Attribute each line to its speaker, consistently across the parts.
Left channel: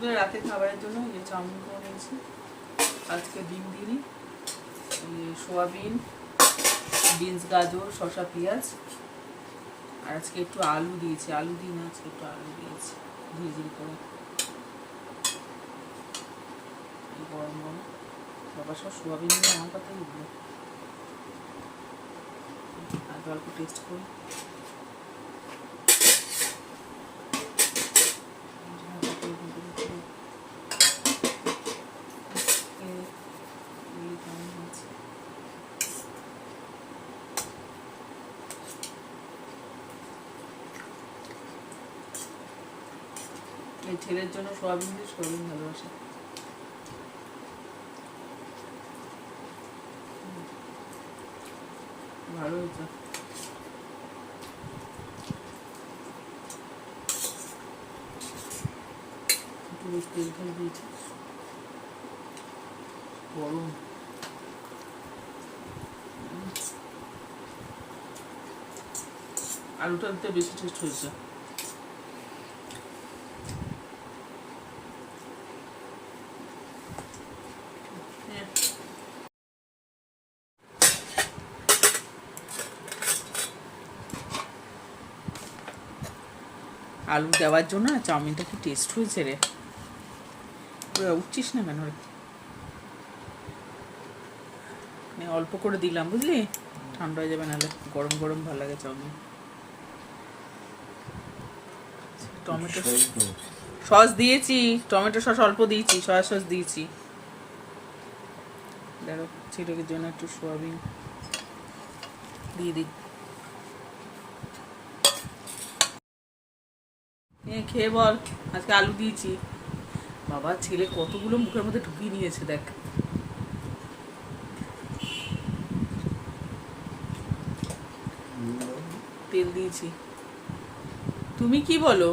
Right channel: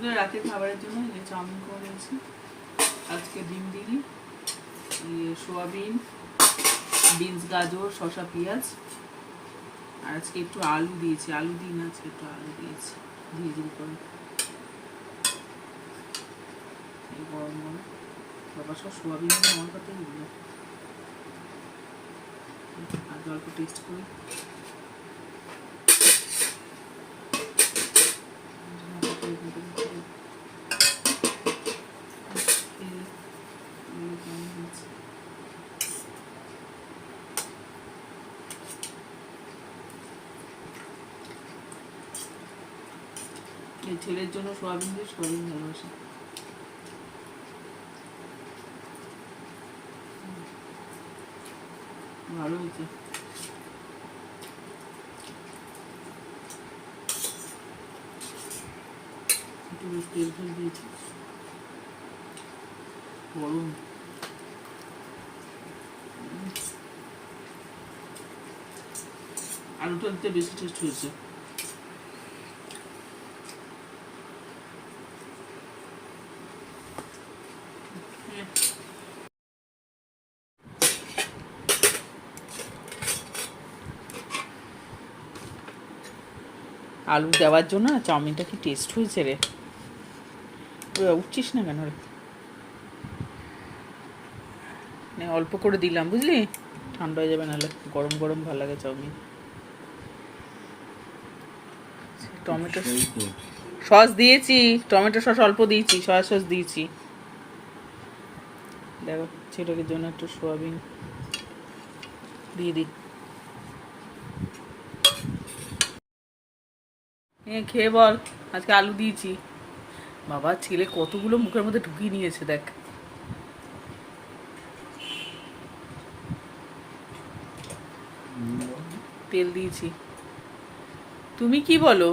Speaker 1: ওদের রাতে খাবারের জন্য এই চাউমিন করে নিয়েছি আজকে ডিম দিই সোয়াবিন, বিনস, গাজর, শসা, পেঁয়াজ। আর আজকে একটু আলু দিয়েছি। আলু দিই না, আজকে একটু আলু দিয়েছি। ধীরে ধীরে করে। গরম গরম। বাবা সব সোয়াবিন আমার কথাই আর অল্প টেস্ট করি। এই ছেলের জন্য সোয়াবিন দিয়ে সোয়াবিন ভালোবাসে। ভালো হয়েছে। বেশ। আলুটা বেশি টেস্ট হয়েছে। আলু দেওয়ার জন্য না চাউমিনটা কি টেস্ট হয়েছে রে? ওরা উঠছিস না কেন রে? অল্প করে দিলাম বুঝলি? ঠান্ডা হয়ে যাবে নাহলে গরম গরম ভালো লাগে চাউমিন। টমেটো সস দিয়েছি টমেটো সস অল্প দিয়েছি সয়া সস দিয়েছি। দেখো ছেলেদের জন্য একটু সোয়াবিন দিয়ে দিই। খেয়ে বল আজকে আলু দিয়েছি। বাবা ছেলে কতগুলো মুখের মধ্যে ঢুকিয়ে নিয়েছে দেখ। তেল দিয়েছি। তুমি কি বলো?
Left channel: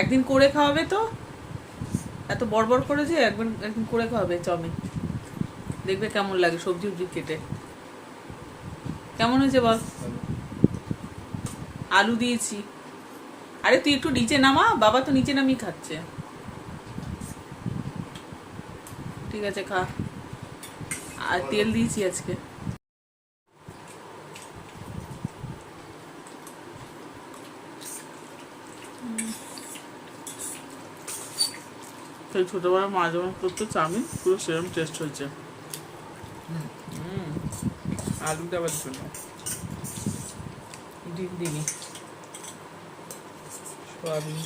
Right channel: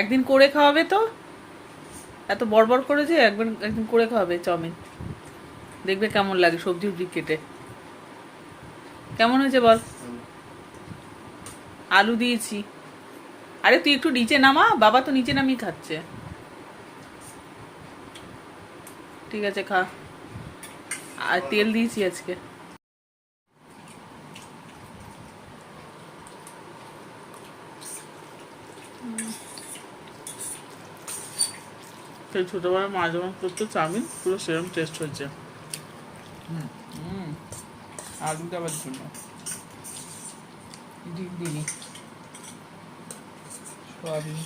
Speaker 1: একদিন করে খাওয়াবে তো? এত বড় করে যে একবার একদিন করে খাওয়াবে চাউমিন। দেখবে কেমন লাগে সবজি উবজি কেটে। কেমন হয়েছে বল? আলু দিয়েছি। আরে তুই একটু নিচে নামা বাবা তো নিচে নামিয়ে খাচ্ছে। ঠিক আছে খা। আর তেল দিয়েছি আজকে। সেই ছোটবেলায় মা যেমন করতো চাউমিন পুরো সেরকম টেস্ট হয়েছে। আলু দেওয়ার জন্য। দিনি সয়াবিন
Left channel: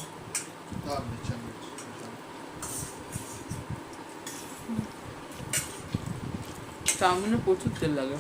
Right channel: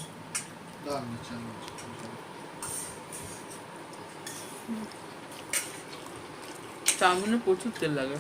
Speaker 1: চাউমিনে প্রচুর তেল লাগে